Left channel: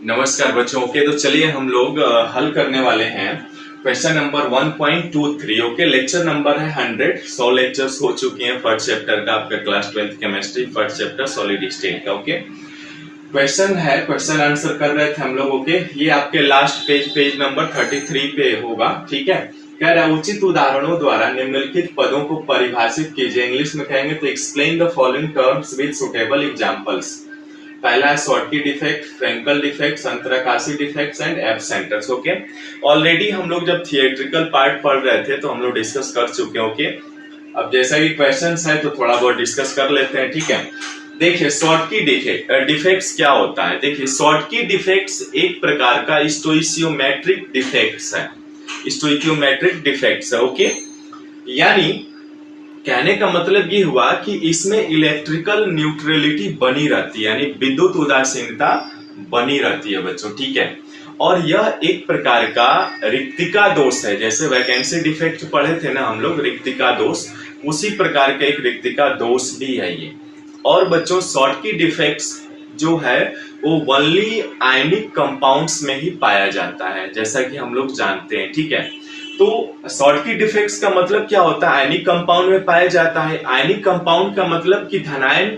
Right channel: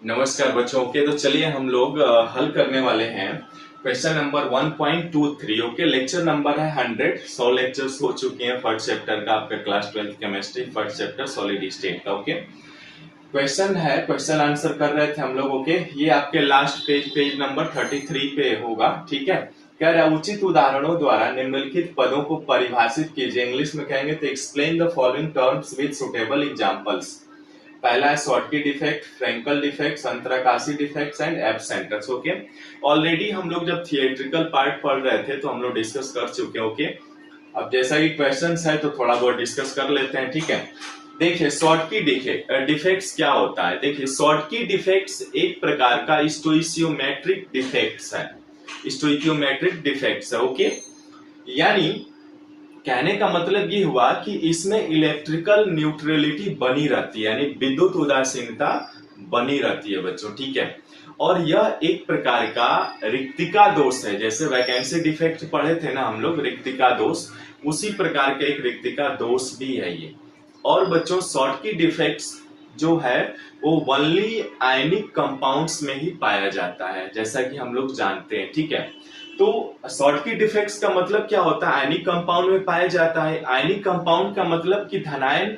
नमस्कार बच्चों। ओके, तो चलिए हम लोग हल करने वाले हैं question number 1.23। Okay, lecture number है 100। 100 लेक्चर्स हो चुके हैं फर्स्ट चैप्टर का, आपका class 12th chemistry first chapter solid state का। ओके, क्वेश्चन आंसर कर रहे थे हम लोग। ओके, ये आपके लास्ट पेज नंबर 33 पे होगा। ठीक है, कह रहा है उचित उदाहरणों द्वारा निम्नलिखित पदों को परिभाषित कीजिए। इंग्लिश में कहेंगे तो explain the following terms with suitable examples. पहला है शॉर्टकी डिफेक्ट, फ्रेंकल डिफेक्ट, संतराकाशी डिफेक्ट्स एंड एब्सेंटर्स। ओके, ऑलरेडी हम लोग जब थिएट्रिकल पार्ट पढ़ रहे थे तो हम लोग डिस्कस कर चुके हैं। ओके, अब जैसा कि क्वेश्चंस है तो थोड़ा बहुत डिस्कस कर लेते हैं। ठीक है, देखिए शॉर्टकी डिफेक्ट्स क्या होता है। देखिए शॉर्टकी डिफेक्ट्स एक प्रकार का स्टोइचियोमेट्रिक डिफेक्ट्स है। स्टोइचियोमेट्रिक डिफेक्ट्स है। ओके, यानी कहने का मतलब ये हुआ कि इसमें इलेक्ट्रिकल न्यूट्रलिटी बनी रहती है, यानी विद्युत उदासीनता बनी रहती है बच्चों। ठीक है, और यह एक प्रकार का रिक्तिका दोष है। जैसे वैकेंसी डिफेक्ट पढ़े थे ना हम लोग, रिक्तिका दोष, उसी प्रकार का एक रिक्तिका दोष भी है ये। और बच्चों शॉर्टकी डिफेक्ट्स जो है वो ओनली आयनिक कंपाउंड्स में ही पाया जाता है, जैसा कि हम लोग जानते हैं। ठीक है, तो शॉर्टकी डिफेक्ट्स का मतलब क्या होता है, आयनिक कंपाउंड में पाया जाता है। आयनिक कंपाउंड का मतलब कि धनायन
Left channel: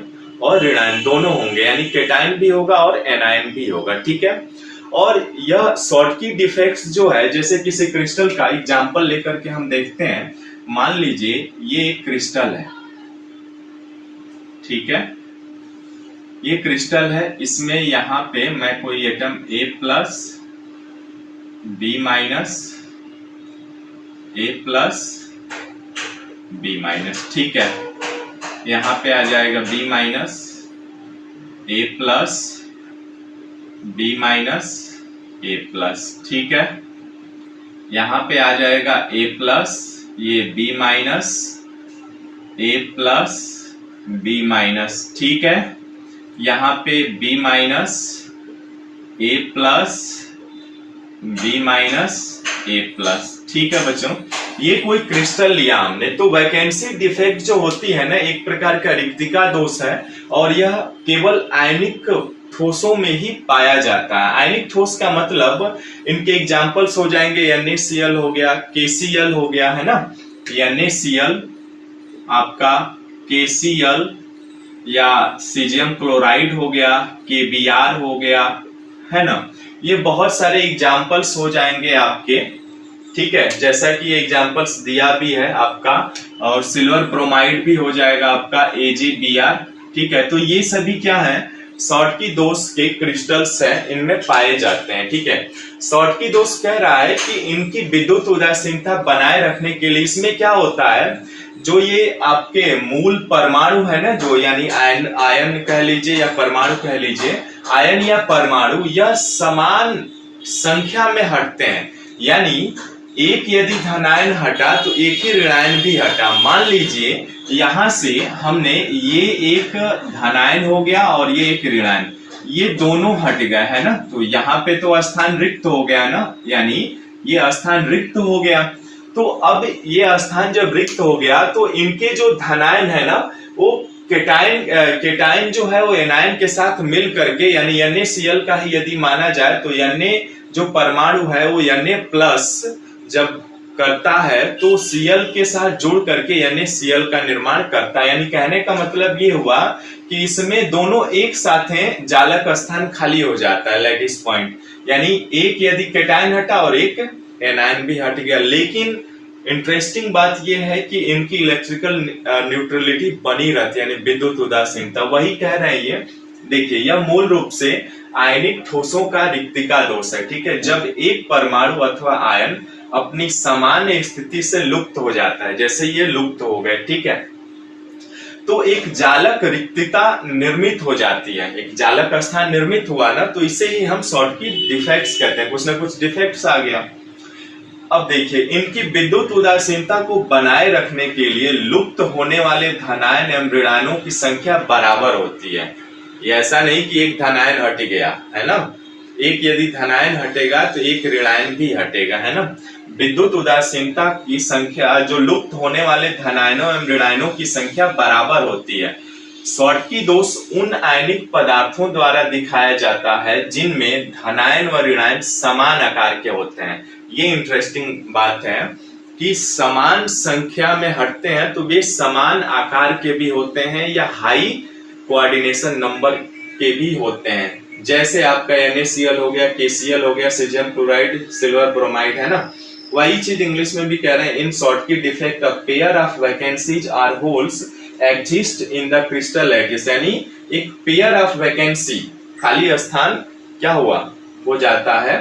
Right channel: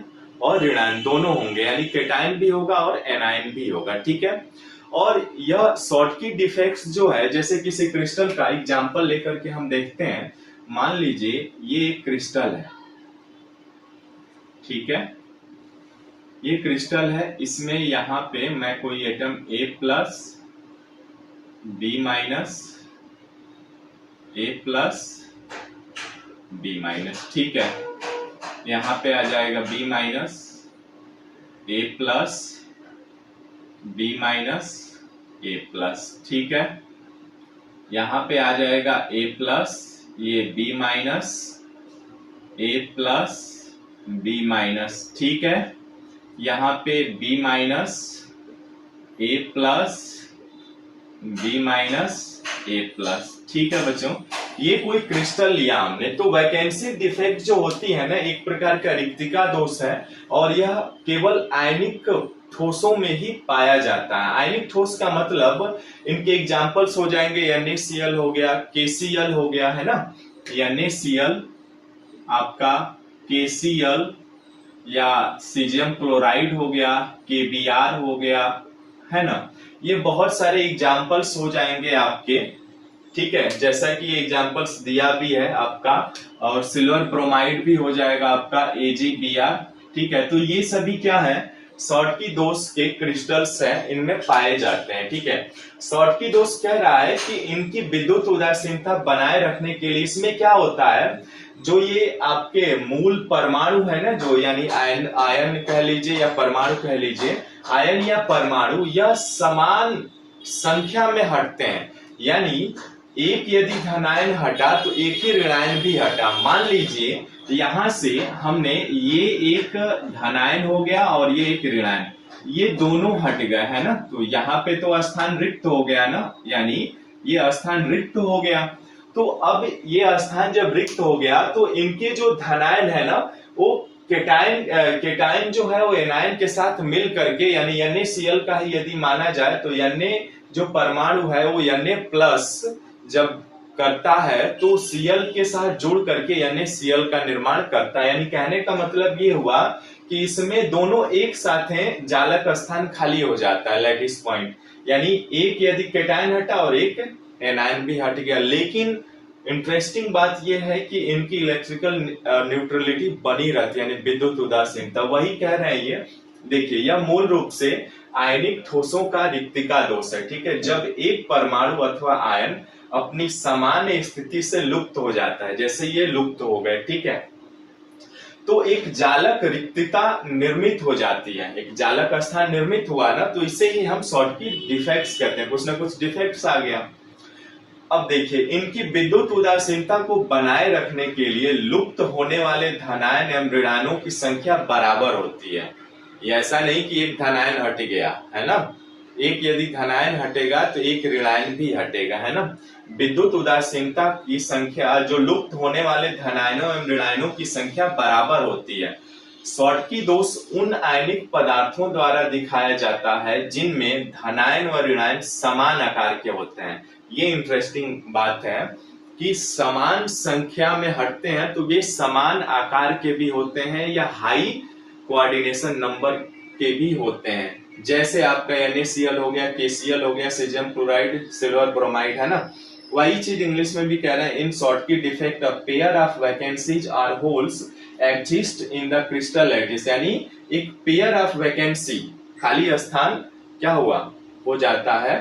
और ऋणायन दोनों होंगे, यानी केटायन भी होगा और एनायन भी होगा। ठीक है, और यह शॉर्टकी डिफेक्ट्स जो है, जैसे किसी क्रिस्टल का एग्जांपल लेकर के हम देखते हैं। मान लीजिए ये एक क्रिस्टल है। ठीक है, ये क्रिस्टल है, इसमें यहाँ पे मैं कोई atom A plus B minus A plus B minus, ठीक है, यहाँ पे आ जाएगा B minus A plus B minus A plus. ठीक है, यहाँ पे आ जाएगा A प्लस ये B minus A plus B minus. ठीक है, यहाँ पे B minus A plus B minus A plus. ठीक है बच्चों, ये कोई क्रिस्टल लिया हमने, तो वैकेंसी डिफेक्ट जो होती है ना, एक प्रकार का रिक्तिका दोष है, और यह केवल आयनिक ठोसों में ही पाया जाता है। आयनिक ठोस का मतलब इनके एग्जांपल्स हो जाएंगे NaCl हो गया, KCl हो गया, है ना, NaCl आपका, KCl या सीजियम क्लोराइड हो गया, KBr हो गया, है ना, ये बहुत सारे एग्जांपल्स हो जाएंगे आपके। ठीक है, जैसा कि एग्जांपल्स दिया भी है आपका, और सिल्वर ब्रोमाइड भी हो जाएगा आपका AgBr। ठीक है, तो ये सभी क्या है, शॉर्टकी दोष के क्रिस्टल्स हैं, इनमें पाए जाते हैं। ठीक है, शॉर्टकी दोष कह रहा है कि इनकी विद्युत उदासीनता बनाए रखने के लिए इसमें क्या होता है, जो ये आपके मूल परमाणु है ना, जो यानी आयन कह लीजिए या परमाणु कह लीजिए, आयन या परमाणु यह समान संख्या में हटते हैं। यानी एक यदि धनायन हटा तो एक ही ऋणायन भी हटा। मान लीजिए यहां से हमने ये एक धनायन हो गया और ये एक ऋणायन, ये दोनों हट गए, है ना, तो यहाँ पे तो स्थान रिक्त हो गया ना, यानी ये स्थान रिक्त हो गया। तो अब ये स्थान जब रिक्त हो गया तो इनके जो धनायन है ना, वो केटायन जो है वो एनायन के साथ मिल करके, यानी NaCl का ही यदि माना जाए तो Na जो परमाणु है वो Na प्लस जब करता है तो Cl के साथ जुड़ करके NaCl का निर्माण करता है। यानी कहने का मतलब ये हुआ कि इसमें दोनों एक साथ हैं, जालक स्थान खाली हो जाता है, लैटिस पॉइंट, यानी एक यदि केटायन हटा और एक एनायन भी हट गया। लेकिन इंटरेस्टिंग बात यह है कि इनकी इलेक्ट्रिकल न्यूट्रलिटी बनी रहती है, यानी विद्युत उदासीनता। वही कह रहे हैं ये, देखिए यह मूल रूप से आयनिक ठोसों का रिक्तिका दोष है। ठीक है, जब एक परमाणु अथवा आयन अपनी सामान्य स्थिति से लुप्त हो जाता है, जैसे ये लुप्त हो गए, ठीक है, तो एक जालक रिक्तता निर्मित हो जाती है, एक जालक स्थान निर्मित हुआ ना, तो इसे ही हम शॉर्टकी डिफेक्ट्स कहते हैं, कुछ ना कुछ डिफेक्ट्स आ गया। अब देखिए इनकी विद्युत उदासीनता को बनाए रखने के लिए लुप्त होने वाले धनायन एवं ऋणायनों की संख्या बराबर होती है। ये ऐसा नहीं कि एक धनायन हट गया, है ना, एक यदि धनायन हटेगा तो एक ऋणायन भी हटेगा, है ना। विद्युत उदासीनता की संख्या, जो लुप्त होने वाले धनायनों एवं ऋणायनों की संख्या बराबर होती है। शॉटकी दोष उन आयनिक पदार्थों द्वारा दिखाया जाता है जिनमें धनायन व ऋणायन समान आकार के होते हैं। ये इंटरेस्टिंग बात है कि समान संख्या में हटते हैं तो वे समान आकार के भी होते हैं या हाई कोऑर्डिनेशन नंबर के भी होते हैं। जैसे आपका NaCl हो गया, KCl हो गया, सीजियम क्लोराइड, सिल्वर ब्रोमाइड, है ना। वही चीज इंग्लिश में भी कह रहे हैं, in Schottky defect a pair of vacancies or holes exist in the crystal lattice, यानी एक पेयर ऑफ वैकेंसी, खाली स्थान क्या हुआ, हो जाता है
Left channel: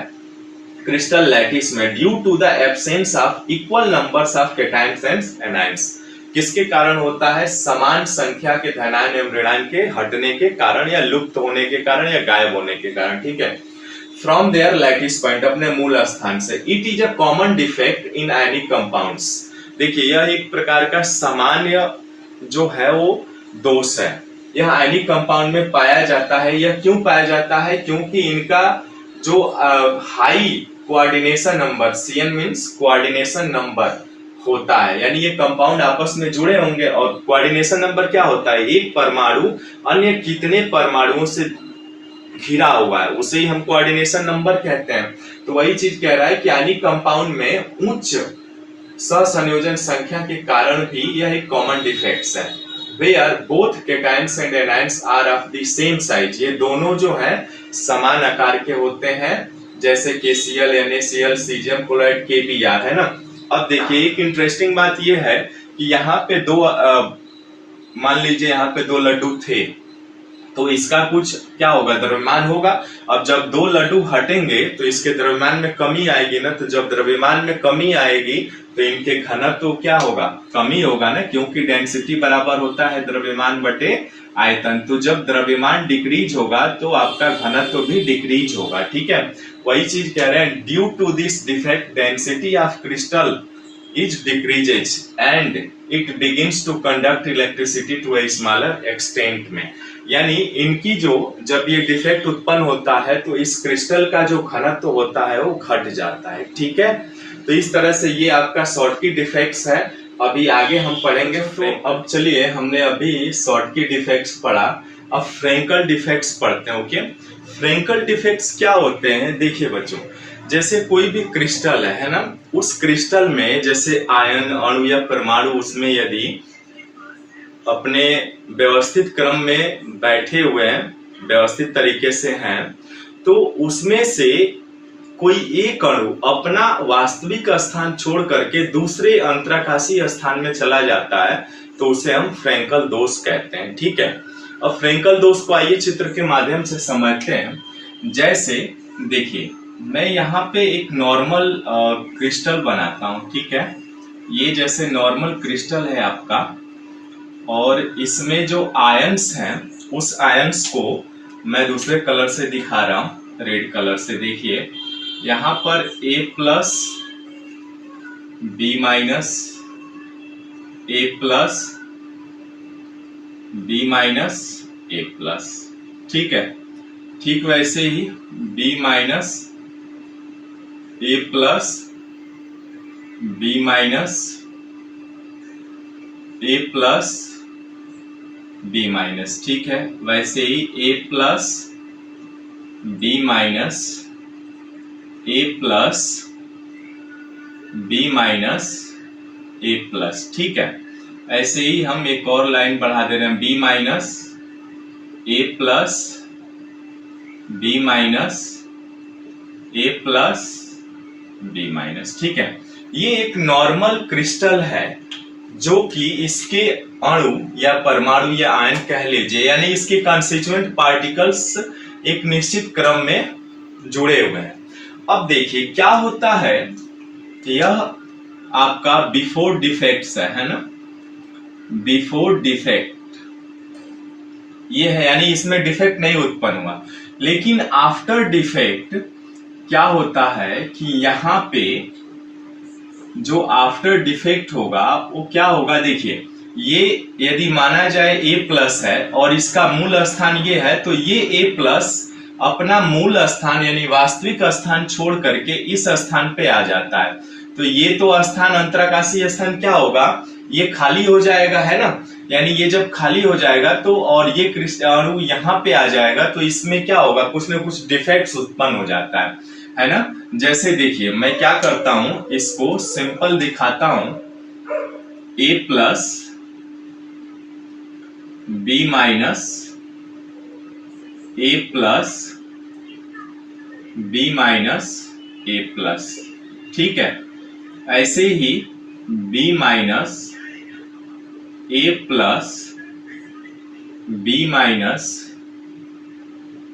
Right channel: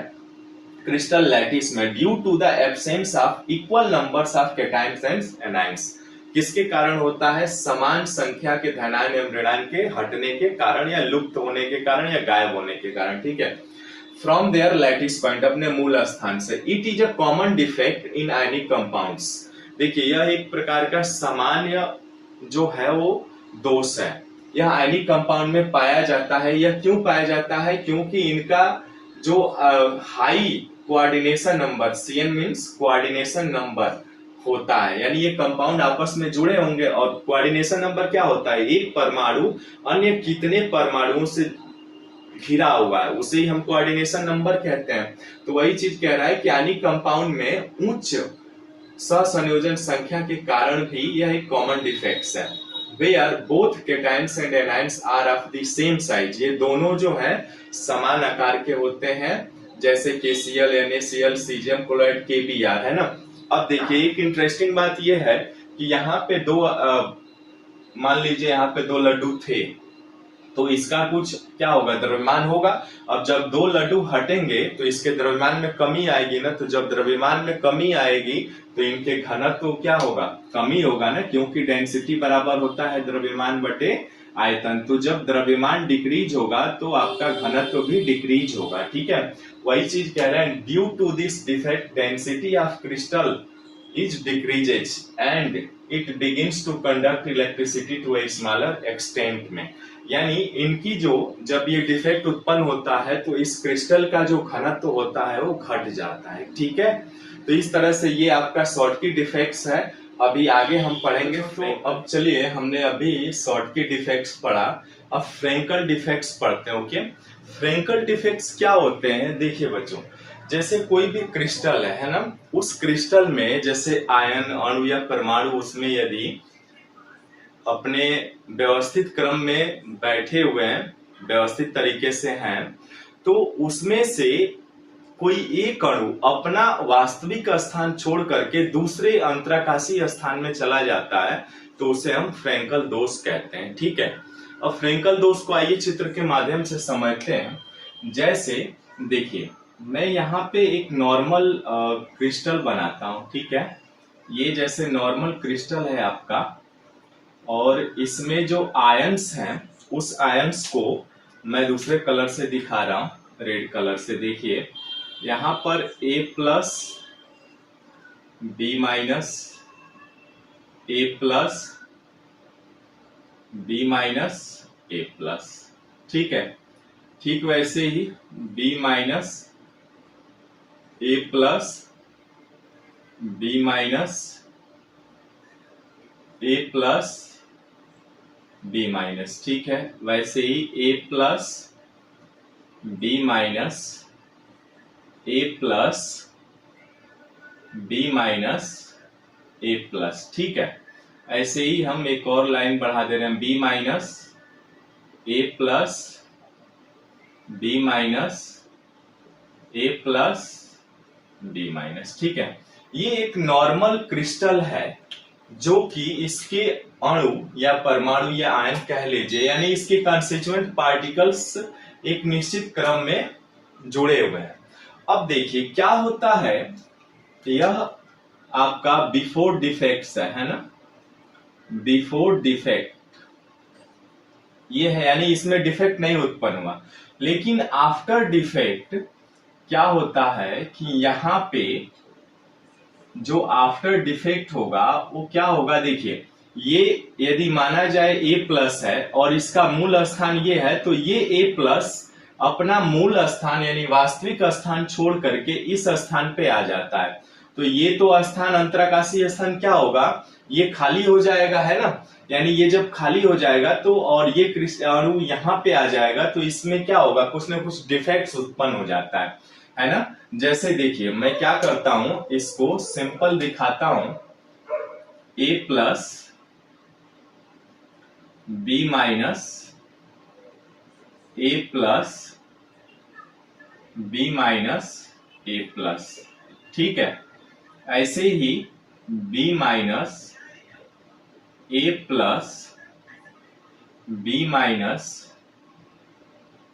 क्रिस्टल लैटिस में due to the absence of equal numbers of cations and anions. किसके कारण होता है? समान संख्या के धनायन एवं ऋणायन के हटने के कारण या लुप्त होने के कारण या गायब होने के कारण, ठीक है। फ्रॉम देयर लैटिस पॉइंट, अपने मूल स्थान से। It is a common defect in ionic compounds. देखिए यह एक प्रकार का सामान्य जो है वो दोष है, यह आयनिक कंपाउंड में पाया जाता है। यह क्यों पाया जाता है? क्योंकि इनका जो high coordination number, CN means coordination number होता है, यानी ये कंपाउंड आपस में जुड़े होंगे और कोऑर्डिनेशन नंबर क्या होता है? एक परमाणु अन्य कितने परमाणुओं से घिरा हुआ है, उसे ही हम कोऑर्डिनेशन नंबर कहते हैं। तो वही चीज कह रहा है कि आयनिक कंपाउंड में उच्च सहसंयोजन संख्या के कारण भी यह एक कॉमन डिफेक्ट्स है। Where both cations and anions are of the same size, ये दोनों जो है समान आकार के होते हैं, जैसे KCl, NaCl, caesium chloride, KBr, है ना। अब देखिए एक इंटरेस्टिंग बात ये है कि यहाँ पे दो मान लीजिए यहाँ पे 2 लड्डू थे, तो इसका कुछ क्या होगा? द्रव्यमान होगा। अब जब 2 लड्डू हटेंगे तो इसके द्रव्यमान में कमी आएगी ना, तो जब द्रव्यमान में कमी आएगी तो इनके घनत्व तो क्या होगा? कमी होगा ना, क्योंकि डेंसिटी बराबर होता है द्रव्यमान बटे आयतन। तो जब द्रव्यमान डिक्रीज होगा तो आपका घनत्व भी डिक्रीज होगा, ठीक है। वही चीज कह रहे हैं, due to this defect density of crystal is decreases and it begins to conduct electricity to a smaller extent में। यानी इनकी जो जब ये डिफेक्ट उत्पन्न होता है तो इस क्रिस्टल का जो घनत्व होता है वो घट जाता है, ठीक है। तो इस तरह से ये आपका शॉटकी डिफेक्ट्स है। अभी आगे हम पढ़ेंगे। अब चलिए, हमने अभी शॉटकी डिफेक्ट्स पढ़ा, अब फ्रेंकल डिफेक्ट्स पढ़ते हैं। ओके, फ्रेंकल डिफेक्ट्स क्या होते हैं? देखिए बच्चों, जैसे कोई भी क्रिस्टल है ना, उस क्रिस्टल में जैसे आयन अणु या परमाणु उसमें यदि अपने व्यवस्थित क्रम में बैठे हुए हैं, व्यवस्थित तरीके से हैं, तो उसमें से कोई एक अणु अपना वास्तविक स्थान छोड़ करके दूसरे अंतराकाशीय स्थान में चला जाता है, तो उसे हम फ्रेंकल दोष कहते हैं, ठीक है। अब फ्रेंकल दोष को आइए चित्र के माध्यम से समझते हैं। जैसे देखिए, मैं यहाँ पे एक नॉर्मल क्रिस्टल बनाता हूँ, ठीक है। ये जैसे नॉर्मल क्रिस्टल है आपका, और इसमें जो आयंस हैं उस आयंस को मैं दूसरे कलर से दिखा रहा हूँ, रेड कलर से। देखिए यहाँ पर A plus B minus, A plus B minus A plus, ठीक है। ठीक वैसे ही B minus A plus B minus A plus B minus, ठीक है। वैसे ही A plus B minus A plus B minus A plus, ठीक है। ऐसे ही हम एक और लाइन बढ़ा दे रहे हैं, B minus A plus B minus A plus B minus, ठीक है। ये एक नॉर्मल क्रिस्टल है जो कि इसके अणु या परमाणु या आयन कह लीजिए, यानी इसके कॉन्स्टिट्यूएंट पार्टिकल्स एक निश्चित क्रम में जुड़े हुए हैं। अब देखिए क्या होता है, यह आपका बिफोर डिफेक्ट्स है ना, बिफोर डिफेक्ट ये है, यानी इसमें डिफेक्ट नहीं उत्पन्न हुआ। लेकिन आफ्टर डिफेक्ट क्या होता है कि यहाँ पे जो आफ्टर डिफेक्ट होगा वो क्या होगा? देखिए, ये यदि माना जाए A प्लस है और इसका मूल स्थान ये है, तो ये A प्लस अपना मूल स्थान यानी वास्तविक स्थान छोड़ करके इस स्थान पे आ जाता है। तो ये तो स्थान अंतराकाशीय स्थान क्या होगा? ये खाली हो जाएगा, है ना, यानी ये जब खाली हो जाएगा तो और ये अणु यहाँ पे आ जाएगा तो इसमें क्या होगा, कुछ ना कुछ डिफेक्ट्स उत्पन्न हो जाता है ना। जैसे देखिए मैं क्या करता हूं, इसको सिंपल दिखाता हूं, A plus B minus A plus B minus A plus, ठीक है। ऐसे ही B minus A plus B minus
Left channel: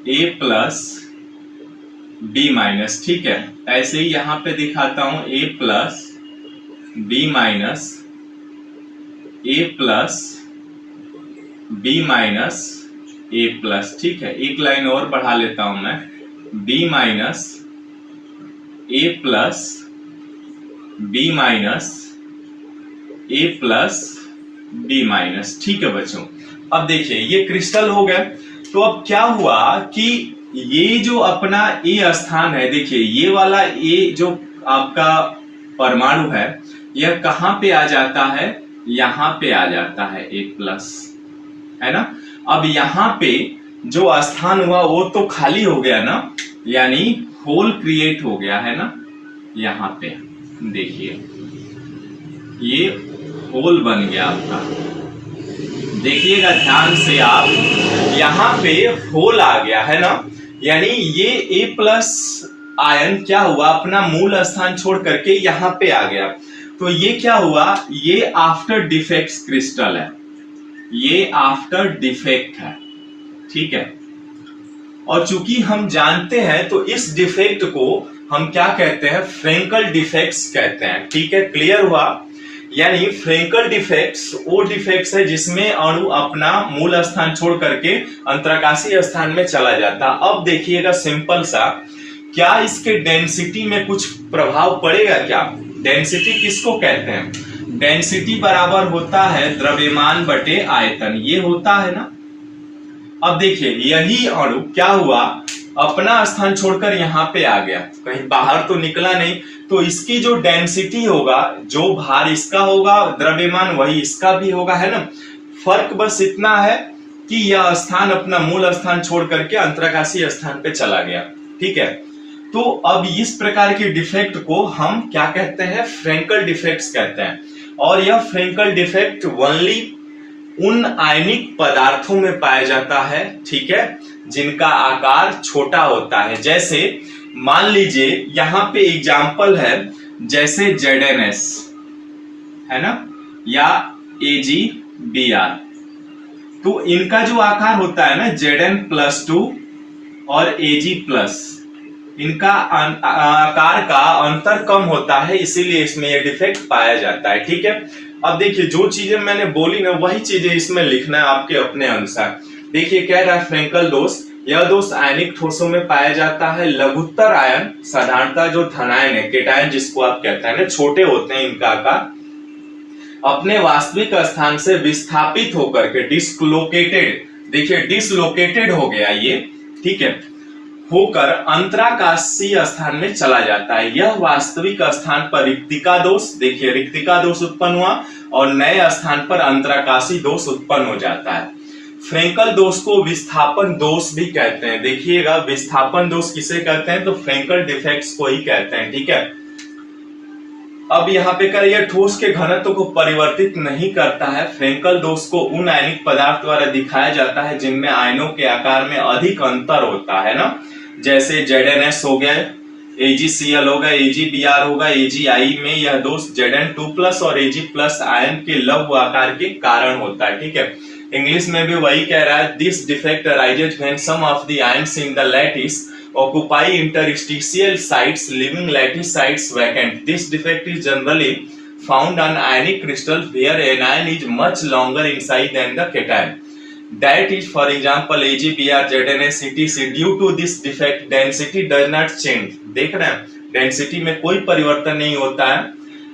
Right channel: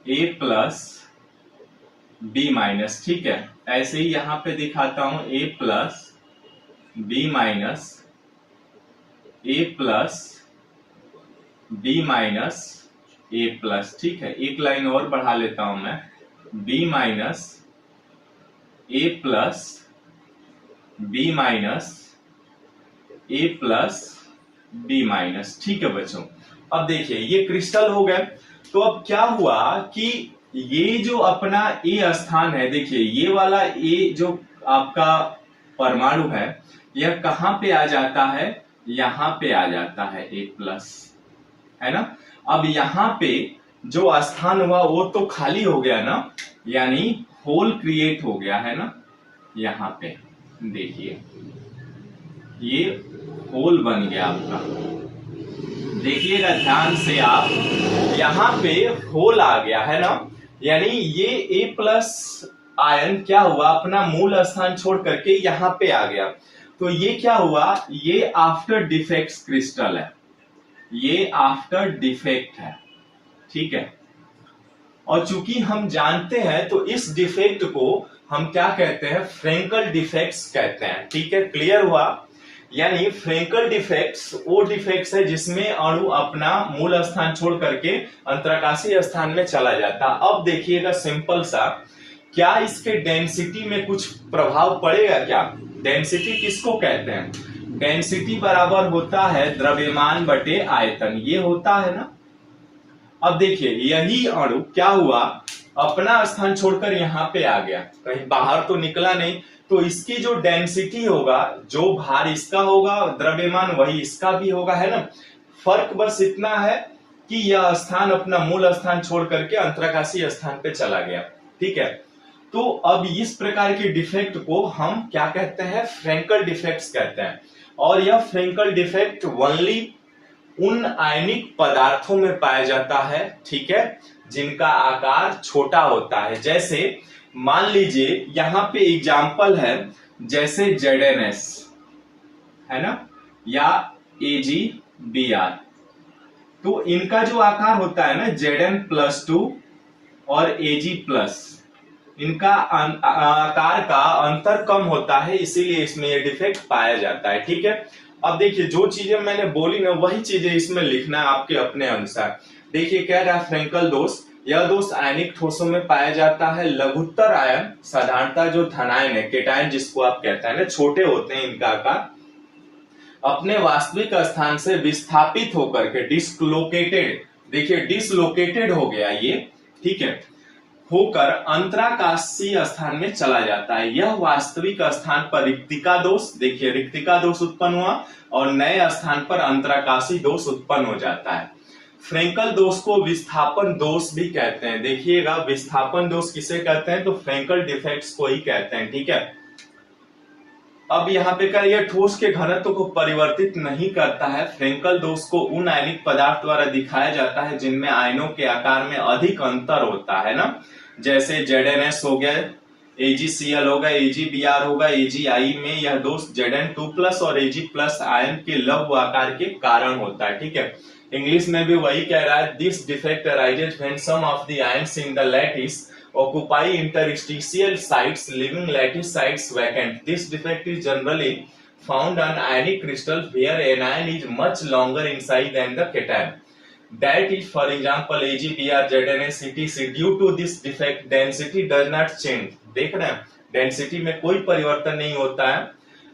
A plus B minus, ठीक है। ऐसे ही यहां पे दिखाता हूं A plus B minus A plus B minus A plus, ठीक है। एक लाइन और बढ़ा लेता हूं मैं, B minus A plus B minus A plus B minus, ठीक है बच्चों। अब देखिए ये क्रिस्टल हो गया, तो अब क्या हुआ कि ये जो अपना A स्थान है, देखिए ये वाला A जो आपका परमाणु है, यह कहां पे आ जाता है, यहां पे आ जाता है A प्लस, है ना। अब यहां पे जो स्थान हुआ वो तो खाली हो गया ना, यानी होल क्रिएट हो गया, है ना। यहां पे देखिए ये होल बन गया आपका, देखिएगा ध्यान से आप, यहां पे होल आ गया, है ना। यानी ये A प्लस आयन क्या हुआ, अपना मूल स्थान छोड़ करके यहां पे आ गया, तो ये क्या हुआ, ये आफ्टर डिफेक्ट्स क्रिस्टल है, ये आफ्टर डिफेक्ट है, ठीक है। और चूंकि हम जानते हैं तो इस डिफेक्ट को हम क्या कहते हैं, फ्रेंकल डिफेक्ट्स कहते हैं, ठीक है। क्लियर हुआ, यानी फ्रेंकल डिफेक्ट्स वो डिफेक्ट्स है जिसमें अणु अपना मूल स्थान छोड़ करके अंतराकाशीय स्थान में चला जाता। अब देखिएगा सिंपल सा, क्या इसके डेंसिटी में कुछ प्रभाव पड़ेगा क्या। डेंसिटी किसको कहते हैं, डेंसिटी बराबर होता है द्रव्यमान बटे आयतन, ये होता है ना। अब देखिए यही अणु क्या हुआ, अपना स्थान छोड़कर यहाँ पे आ गया, कहीं बाहर तो निकला नहीं, तो इसकी जो डेंसिटी होगा, जो भार इसका होगा, द्रव्यमान वही इसका भी होगा, है ना। फर्क बस इतना है कि यह स्थान अपना मूल स्थान छोड़ करके अंतराकाशीय स्थान पे चला गया, ठीक है। तो अब इस प्रकार के डिफेक्ट को हम क्या कहते हैं, फ्रेंकल डिफेक्ट्स कहते हैं। और यह फ्रेंकल डिफेक्ट ओनली उन आयनिक पदार्थों में पाया जाता है, ठीक है, जिनका आकार छोटा होता है। जैसे मान लीजिए यहां पे एग्जाम्पल है, जैसे ZnS, है ना, या AgBr, तो इनका जो आकार होता है ना Zn+2 और Ag+, इनका आकार का अंतर कम होता है, इसीलिए इसमें यह डिफेक्ट पाया जाता है, ठीक है। अब देखिए जो चीजें मैंने बोली ना, वही चीजें इसमें लिखना है आपके अपने अनुसार। देखिए कह रहा है फ्रेंकल दोष, यह दोष आयनिक ठोसों में पाया जाता है। लघुत्तर आयन साधारणतः जो धनायन है, केटायन जिसको आप कहते हैं ना, छोटे होते हैं इनका आकार, अपने वास्तविक स्थान से विस्थापित होकर के डिसलोकेटेड, देखिए डिसलोकेटेड हो गया ये, ठीक है, होकर अंतराकाशीय स्थान में चला जाता है। यह वास्तविक स्थान पर रिक्तिका दोष, देखिए रिक्तिका दोष उत्पन्न हुआ और नए स्थान पर अंतराकाशी दोष उत्पन्न हो जाता है। फ्रेंकल दोष को विस्थापन दोष भी कहते हैं, देखिएगा विस्थापन दोष किसे कहते हैं, तो फ्रेंकल डिफेक्ट्स को ही कहते हैं, ठीक है। अब यहाँ पे कर यह ठोस के घनत्व को परिवर्तित नहीं करता है। फ्रेंकल दोष को उन आयनिक पदार्थ द्वारा दिखाया जाता है जिनमें आयनों के आकार में अधिक अंतर होता है ना, जैसे ZnS हो गया, AgCl होगा, AgBr होगा, AgI में यह दोष Zn2+ और Ag+ आयन के लघु आकार के कारण होता है, ठीक है। इंग्लिश में भी वही कह रहा है, this defect arises when some of the ions in the lattice occupy interstitial sites, leaving lattice sites vacant. This defect is generally found on ionic crystal where anion is much longer inside than the cation. That is, for example, AgBr, ZnS, etc. Due to this defect, density does not change. देख रहे हैं, density में कोई परिवर्तन नहीं होता है,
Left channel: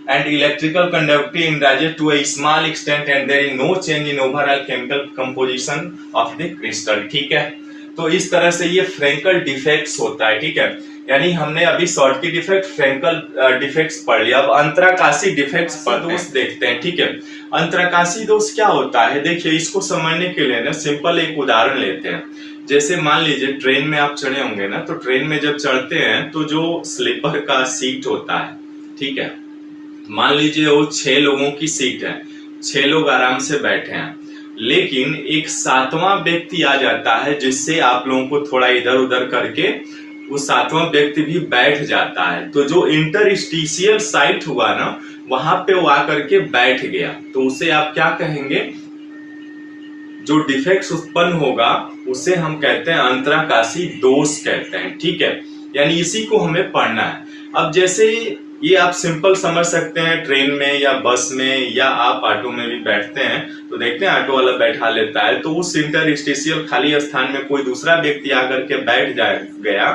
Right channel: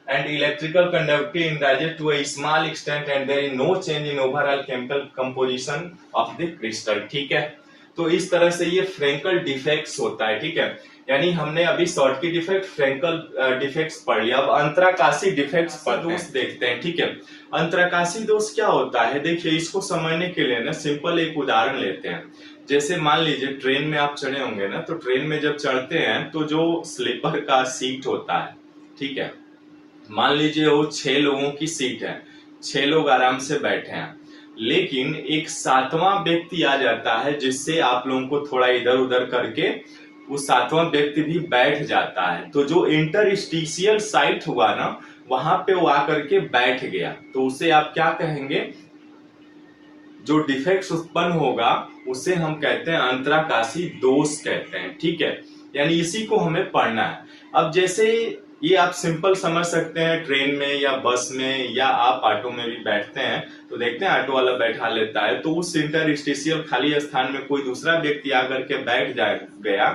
and electrical conductivity in rises to a small extent, and there is no change in overall chemical composition of the crystal. ठीक है, तो इस तरह से ये फ्रेंकल डिफेक्ट्स होता है, ठीक है। यानी हमने अभी शॉर्टकी डिफेक्ट, फ्रेंकल डिफेक्ट्स पढ़ लिया। अब अंतराकाशी डिफेक्ट्स पर दोष देखते हैं, ठीक है। अंतराकाशी दोष क्या होता है, देखिए इसको समझने के लिए ना सिंपल एक उदाहरण लेते हैं। जैसे मान लीजिए ट्रेन में आप चढ़े होंगे ना, तो ट्रेन में जब चढ़ते हैं तो जो स्लीपर का सीट होता है, ठीक है, मान लीजिए वो 6 लोगों की सीट है, 6 लोग आराम से बैठे हैं, लेकिन एक 7वां व्यक्ति आ जाता है जिससे आप लोगों को थोड़ा इधर उधर करके वो 7वां व्यक्ति भी बैठ जाता है। तो जो इंटरस्टिशियल साइट हुआ ना, वहां पे वो आकर के बैठ गया, तो उसे आप क्या कहेंगे, जो डिफेक्ट्स उत्पन्न होगा उसे हम कहते हैं अंतराकाशी दोष कहते हैं, ठीक है। यानी इसी को हमें पढ़ना है। अब जैसे ये आप सिंपल समझ सकते हैं, ट्रेन में या बस में या आप ऑटो में भी बैठते हैं तो देखते हैं ऑटो वाला बैठा लेता है, तो उस इंटरस्टिशियल खाली स्थान में कोई दूसरा व्यक्ति आकर के बैठ गया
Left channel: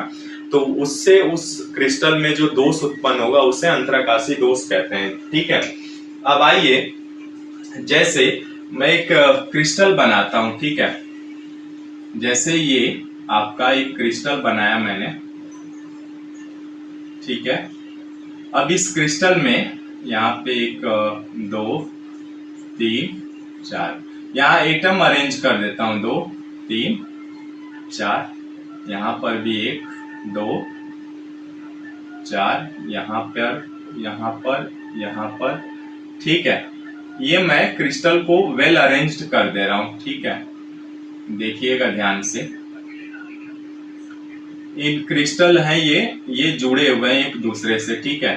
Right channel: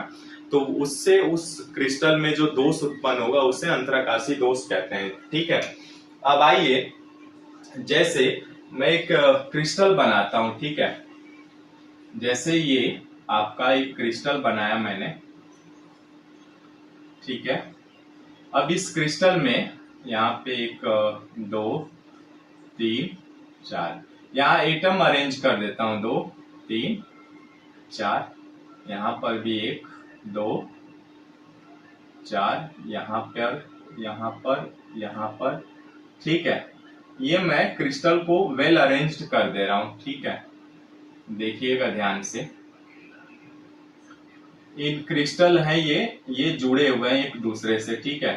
तो उससे उस क्रिस्टल में जो दोष उत्पन्न होगा उसे अंतराकाशी दोष कहते हैं, ठीक है। अब आइए, जैसे मैं एक क्रिस्टल बनाता हूं, ठीक है। जैसे ये आपका एक क्रिस्टल बनाया मैंने, ठीक है। अब इस क्रिस्टल में यहाँ पे 1 2 3 4 यहाँ एटम अरेंज कर देता हूं, 2 3 4, यहाँ पर भी 1 2 4, यहाँ पर, ठीक है। ये मैं क्रिस्टल को वेल अरेंज्ड कर दे रहा हूं, ठीक है। देखिएगा ध्यान से, इन क्रिस्टल हैं ये जुड़े हुए हैं एक दूसरे से, ठीक है।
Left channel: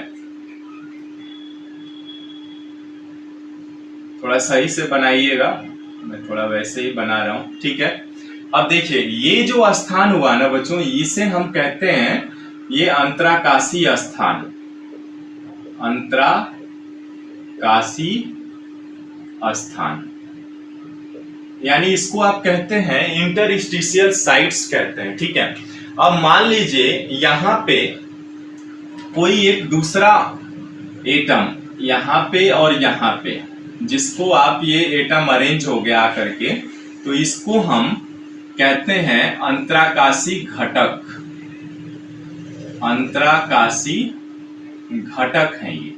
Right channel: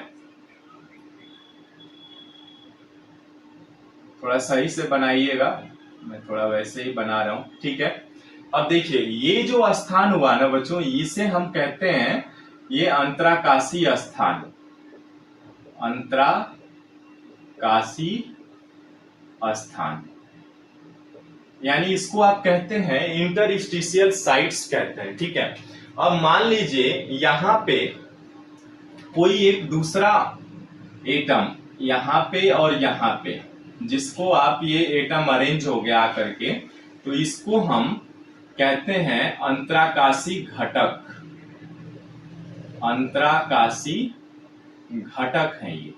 थोड़ा सही से बनाइएगा, मैं थोड़ा वैसे ही बना रहा हूं, ठीक है। अब देखिए ये जो स्थान हुआ ना बच्चों, इसे हम कहते हैं ये अंतराकाशी स्थान, अंतराकाशी स्थान, यानी इसको आप कहते हैं इंटरस्टिशियल साइट्स कहते हैं, ठीक है। अब मान लीजिए यहाँ पे कोई एक दूसरा एटम यहाँ पे और यहाँ पे, जिसको आप ये एटम अरेंज हो गया आकर के, तो इसको हम कहते हैं अंतराकाशी घटक, अंतराकाशी घटक है ये,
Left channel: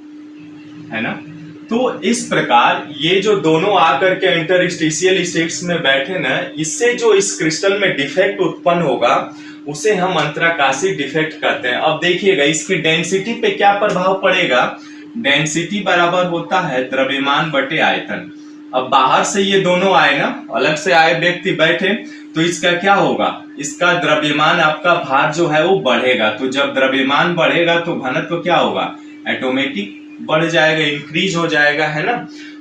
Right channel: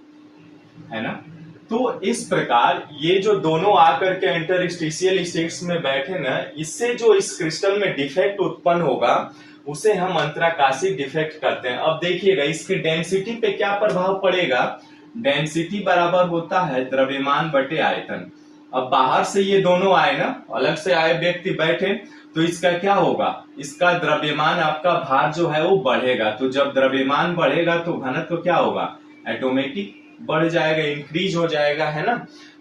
है ना। तो इस प्रकार ये जो दोनों आकर के इंटरस्टिशियल स्टेट्स में बैठे ना, इससे जो इस क्रिस्टल में डिफेक्ट उत्पन्न होगा उसे हम अंतराकाशी डिफेक्ट कहते हैं। अब देखिएगा इसकी डेंसिटी पे क्या प्रभाव पड़ेगा, डेंसिटी बराबर होता है द्रव्यमान बटे आयतन। अब बाहर से ये दोनों आए ना, अलग से आए व्यक्ति बैठे, तो इसका क्या होगा, इसका द्रव्यमान, आपका भार जो है वो बढ़ेगा। तो जब द्रव्यमान बढ़ेगा तो घनत्व क्या होगा, ऑटोमेटिक बढ़ जाएगा, इंक्रीज हो जाएगा, है ना।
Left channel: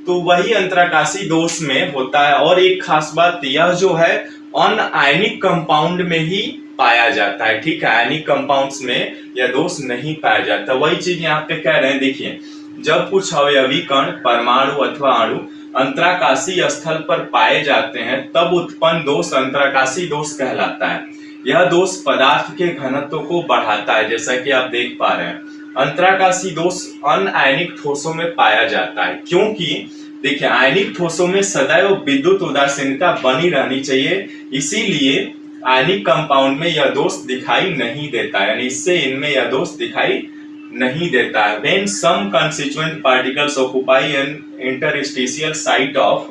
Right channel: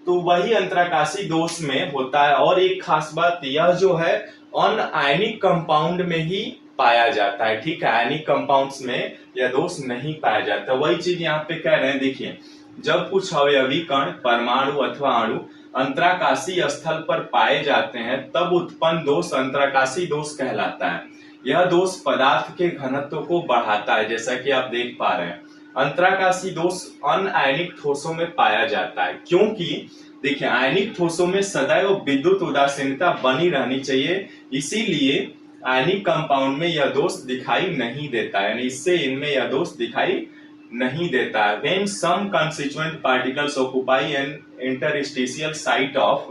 तो वही अंतराकाशी दोष में होता है। और एक खास बात यह जो है अनआयनिक कंपाउंड में ही पाया जाता है, ठीक है। आयनिक कंपाउंड्स में यह दोष नहीं पाया जाता। वही चीज यहाँ पे कह रहे हैं, देखिए जब कुछ अवयवी कण, परमाणु अथवा अणु अंतराकाशी स्थल पर पाए जाते हैं तब उत्पन्न दोष अंतराकाशी दोष कहलाता है। यह दोष पदार्थ के घनत्व को बढ़ाता है, जैसा कि आप देख पा रहे हैं। अंतराकाशी दोष अनआयनिक ठोसों में पाया जाता है, क्योंकि देखिए आयनिक ठोसों में सदैव विद्युत उदासीनता बनी रहनी चाहिए, इसीलिए आयनिक कंपाउंड में यह दोष दिखाई नहीं देता है, यानी इससे इनमें यह दोष दिखाई नहीं देता है। When some constituent particles occupy an interstitial site of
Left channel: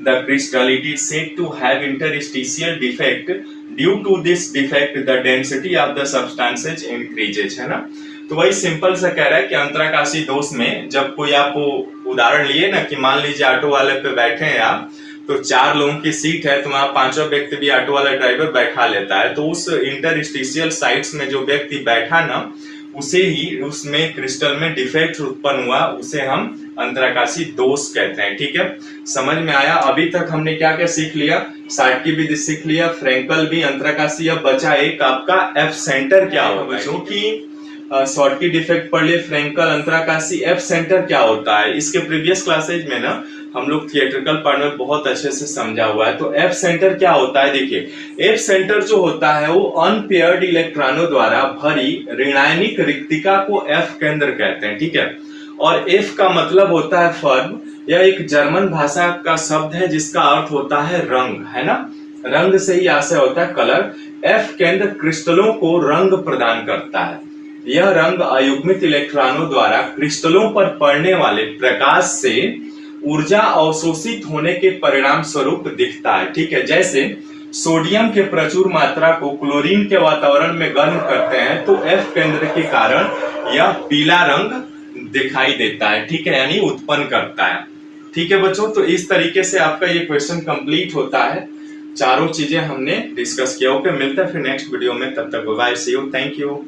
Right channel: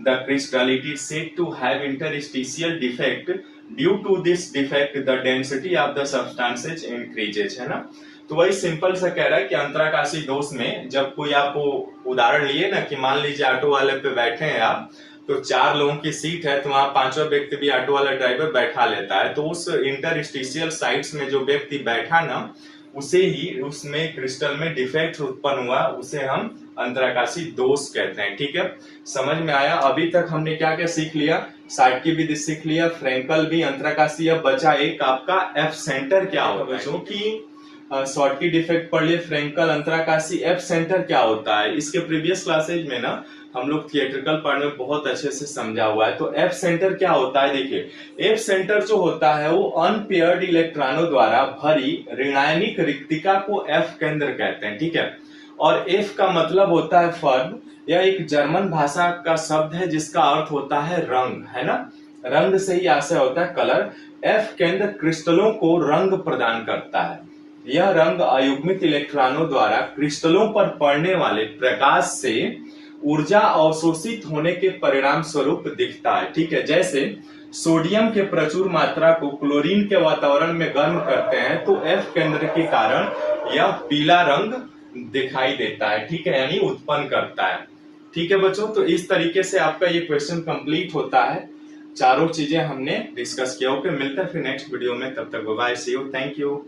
the crystal, it is said to have interstitial defect. Due to this defect, the density of the substances increases, है ना। तो वही सिंपल सा कह रहा है कि अंतराकाशी दोष में जब कोई आपको उदाहरण लिए ना कि मान लीजिए ऑटो वाले पे बैठे हैं आप, तो 4 लोगों की सीट है, तो वहां 5वां व्यक्ति भी ऑटो वाला ड्राइवर बैठा लेता है, तो उस इंटरस्टिशियल साइट्स में जो व्यक्ति बैठा ना, उसे ही उसमें क्रिस्टल में डिफेक्ट उत्पन्न हुआ, उसे हम अंतराकाशी दोष कहते हैं, ठीक है। समझ में आया। अभी तक हमने क्या क्या सीख लिया, शॉर्टकी विधि सीख लिया, फ्रेंकल भी, अंतराकाशी। अब बचा एक आपका एफ सेंटर क्या होता है, क्योंकि शॉर्टकी डिफेक्ट पढ़ लिए, फ्रेंकल, अंतराकाशी। एफ सेंटर क्या होता है, इसके प्रीवियस क्लासेज में ना हम लोग थिएट्रिकल पार्ट में बहुत अच्छे से समझा हुआ है। तो एफ सेंटर क्या होता है, देखिए एफ सेंटर जो होता है वो अनपेयर्ड इलेक्ट्रॉनों द्वारा भरी ऋणायनिक रिक्तिका को एफ केंद्र कहते हैं, ठीक है। और एफ का मतलब होता है फर्म। यह एक जर्मन भाषा का शब्द है जिसका अर्थ होता है रंग, है ना। रंग से ही आशय होता है कलर। एफ केंद्र क्रिस्टलों को रंग प्रदान करता है। यह रंग अयुग्मित इलेक्ट्रॉनों द्वारा क्रिस्टलों पर पड़ने वाले प्रकाश से ऊर्जा अवशोषित होने के परिणाम स्वरूप दिखता है। ठीक है, जैसे सोडियम के प्रचुर मात्रा को क्लोरीन के वातावरण में गर्म करते हैं तो एफ केंद्र के कारण यह पीला रंग दिखाई देता है। ठीक है, यानी उत्पन्न करता है। ठीक है बच्चों, तो इस तरीके से आपका ये क्वेश्चन कंप्लीट होता है। चारों चीजें हमने डिस्कस किया। ओके, मिलता है फिर नेक्स्ट वीडियो में, तब तक bye, see you, thank you.